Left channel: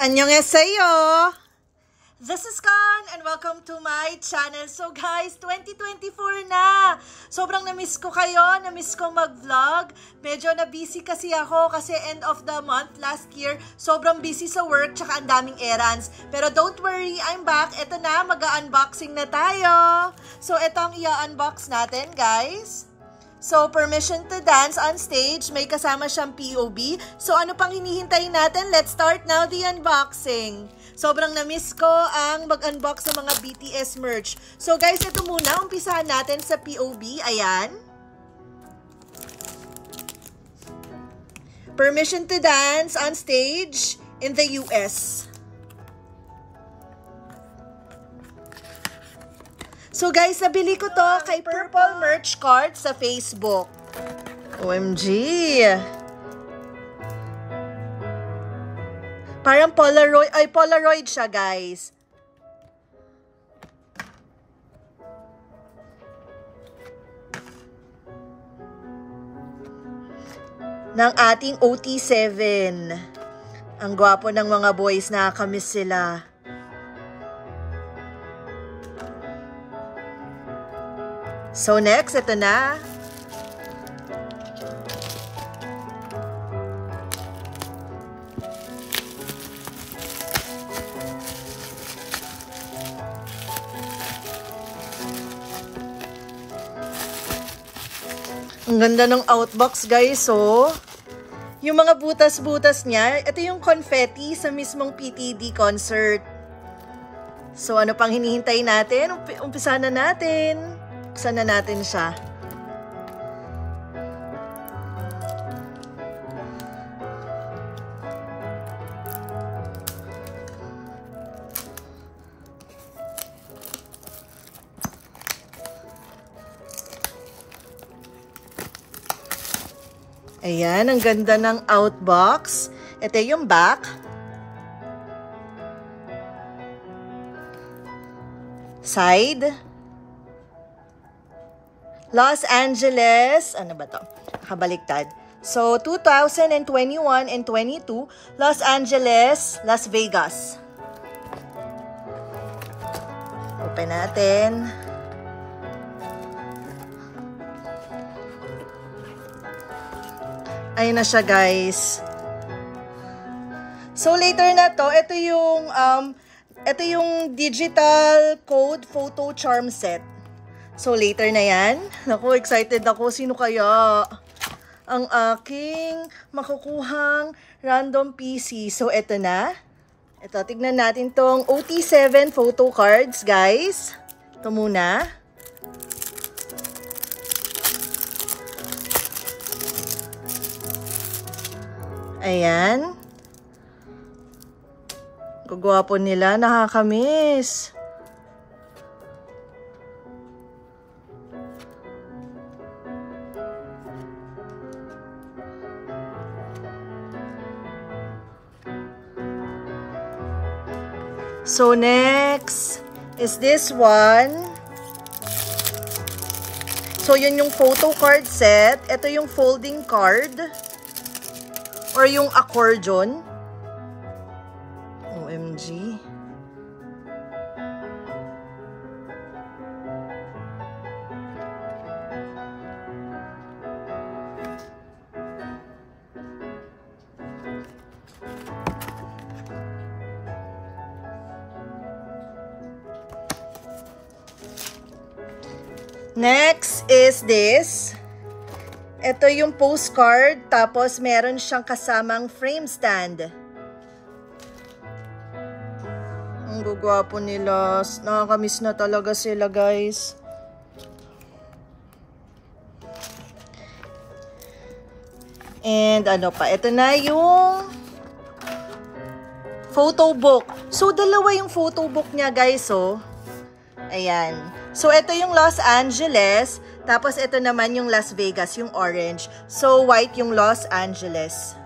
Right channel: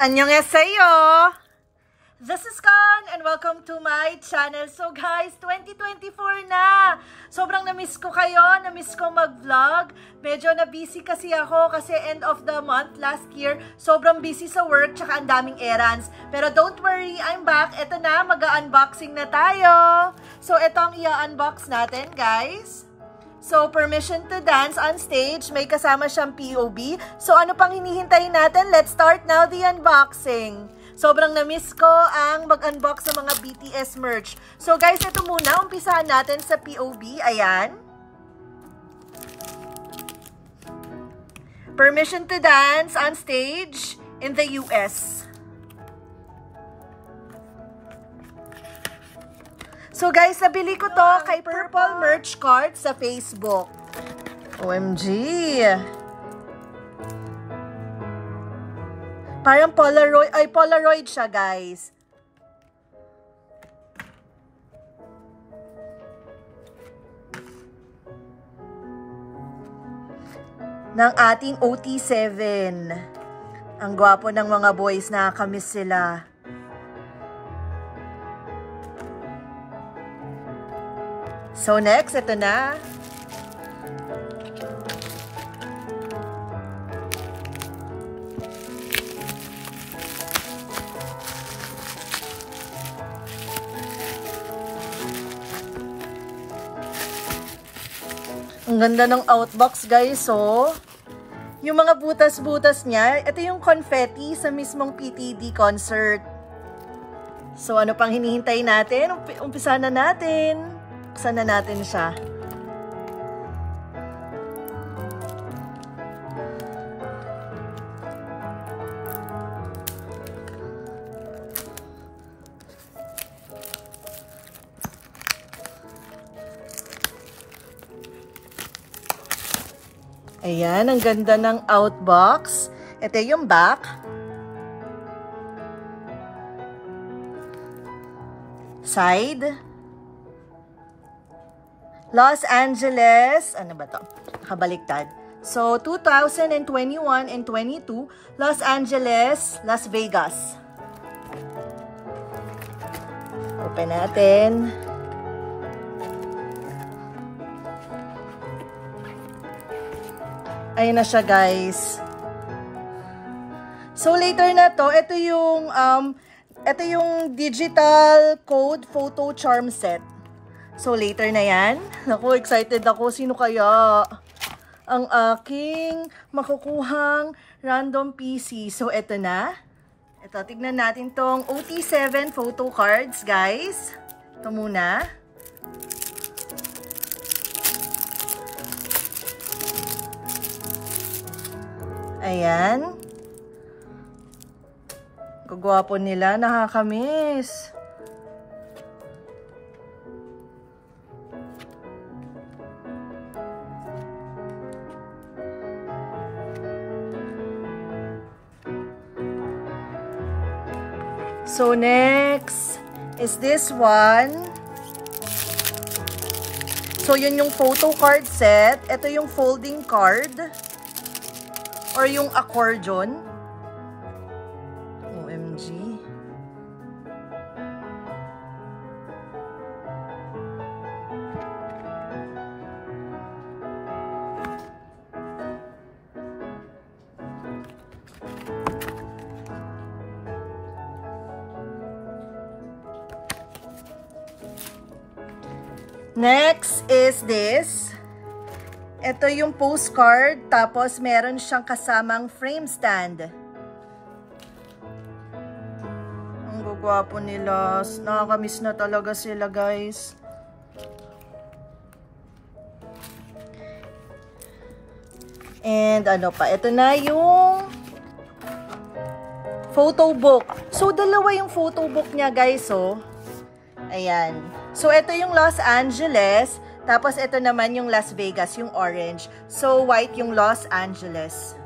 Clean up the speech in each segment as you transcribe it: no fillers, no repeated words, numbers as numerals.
Annyeonghaseyo! This is Khan and welcome to my channel. So guys, 2024 na! Sobrang na-miss ko kayo, na-miss ko mag-vlog. Medyo na-busy kasi ako kasi end of the month last year. Sobrang busy sa work tsaka ang daming errands. Pero don't worry, I'm back. Ito na, mag-unboxing na tayo. So ito ang i-unbox natin guys. So, permission to dance on stage. May kasama siyang POB. So, ano pang hinihintay natin? Let's start now the unboxing. Sobrang na-miss ko ang mag-unbox ng mga BTS merch. So, guys, ito muna. Umpisahan natin sa POB. Ayan. Permission to dance on stage in the US. So guys, nabili ko to kay Purple Merch Card sa Facebook. OMG! Parang Polaroid siya guys. Ng ating OT7. Ang gwapo ng mga boys, nakakamiss sila. So next, ito na. Ang ganda ng outbox guys, so. Yung mga butas-butas niya, ito yung confetti sa mismong PTD concert. So ano pang hinihintay natin? Umpisa na natin. Buksan na natin siya. Ayan, ang ganda ng outbox. Ito yung back. Side. Los Angeles, ano ba to? Nakabaliktad. So, 2021 and 22, Los Angeles, Las Vegas. Open natin. Ayun na siya, guys. So, later na to, ito yung digital code photo charm set. So, later na yan. Naku, excited ako. Sino kaya ang aking makukuhang random PC? So, eto na. Ito, tignan natin tong OT7 photo cards, guys. Ito muna. Ayan. Gagwapo nila. Nakakamiss. So, next is this one. So, yun yung photo card set. Ito yung folding card. Or yung accordion. OMG. Next is this. Ito yung postcard, tapos meron siyang kasamang frame stand. Ang gugwapo nila. Nakakamiss na talaga sila, guys. And ano pa, ito na yung photo book. So, dalawa yung photo book niya, guys, oh. Ayan. So, ito yung Los Angeles. Tapos, ito naman yung Las Vegas, yung orange. So, white yung Los Angeles.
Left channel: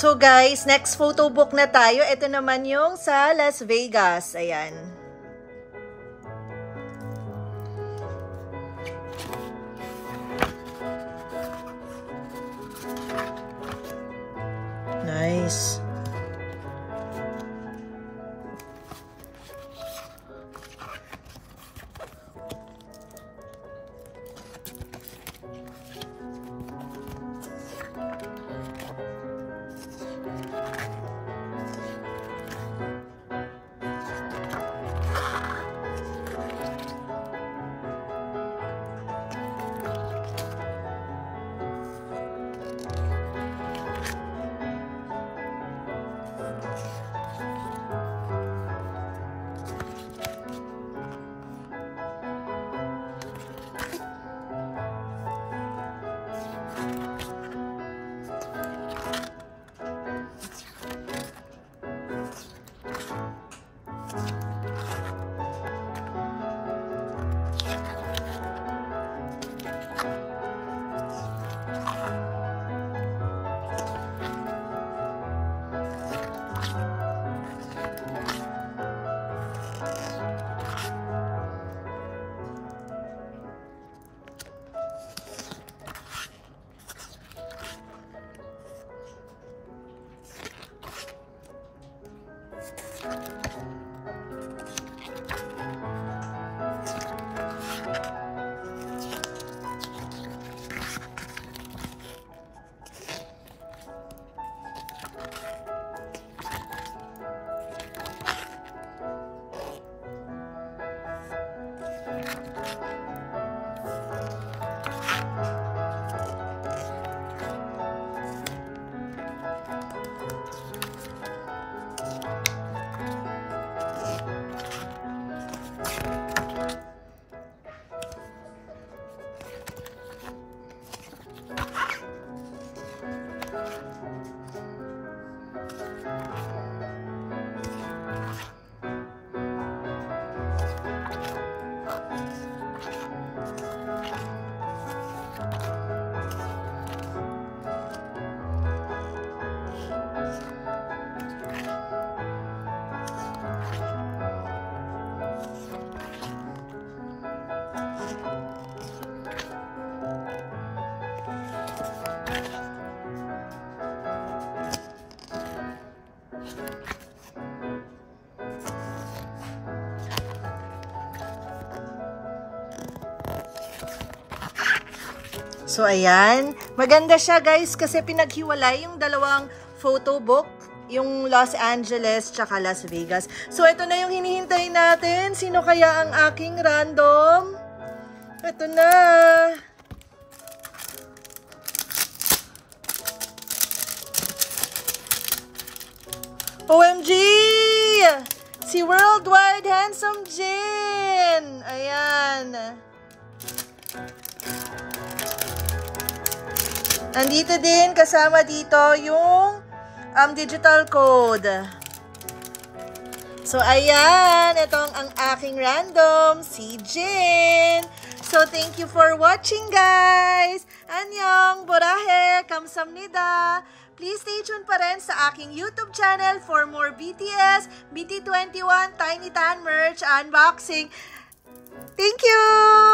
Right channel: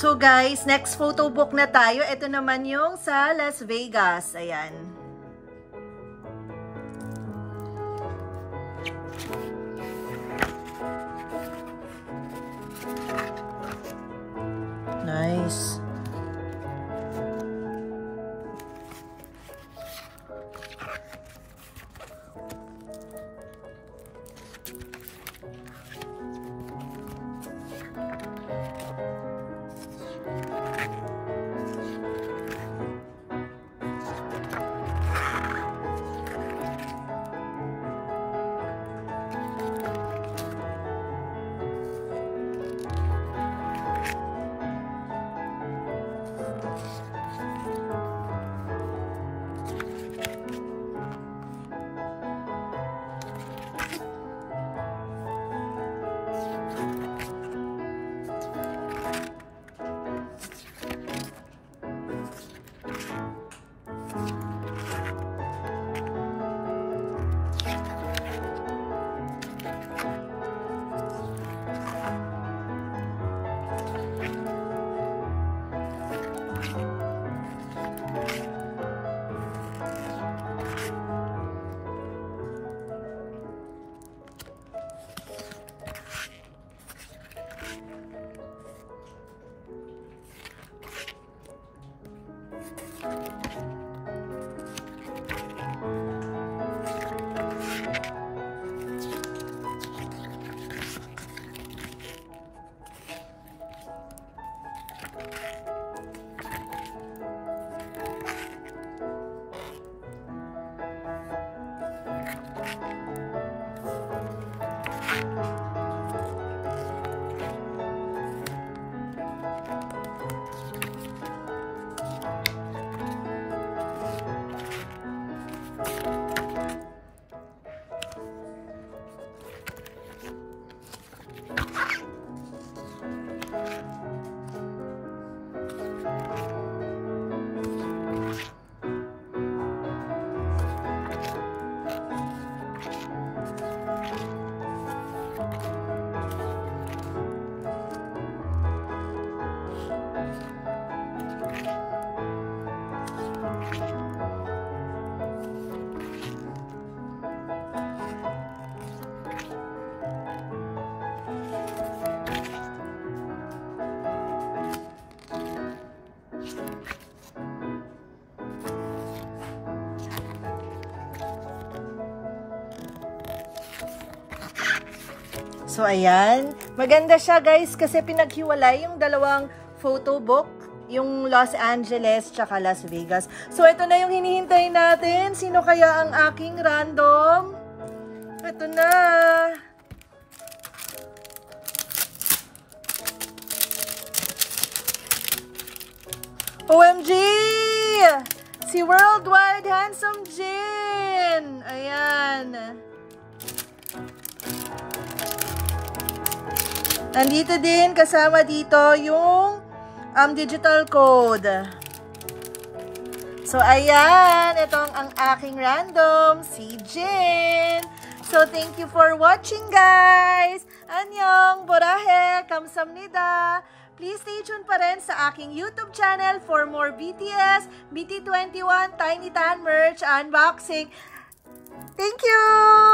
So guys, next photo book na tayo. Ito naman yung sa Las Vegas. Ayan. Nice. So, ayan. Maganda siya, guys, kasi pinaghiwalay yung dalawang photo book, yung Los Angeles tsaka Las Vegas. So, ito na yung hinihintay natin. Sino kaya ang aking random? Ito na. OMG! Si Worldwide Handsome Jin! Ayan. Nandito din, kasama dito yung digital code. So, ayan. Itong ang aking random, si Jin. So, thank you for watching, guys. Annyeong, borahe, kamsamnida. Please stay tuned pa rin sa aking YouTube channel for more BTS, BT21, Tiny Tan merch unboxing. Thank you!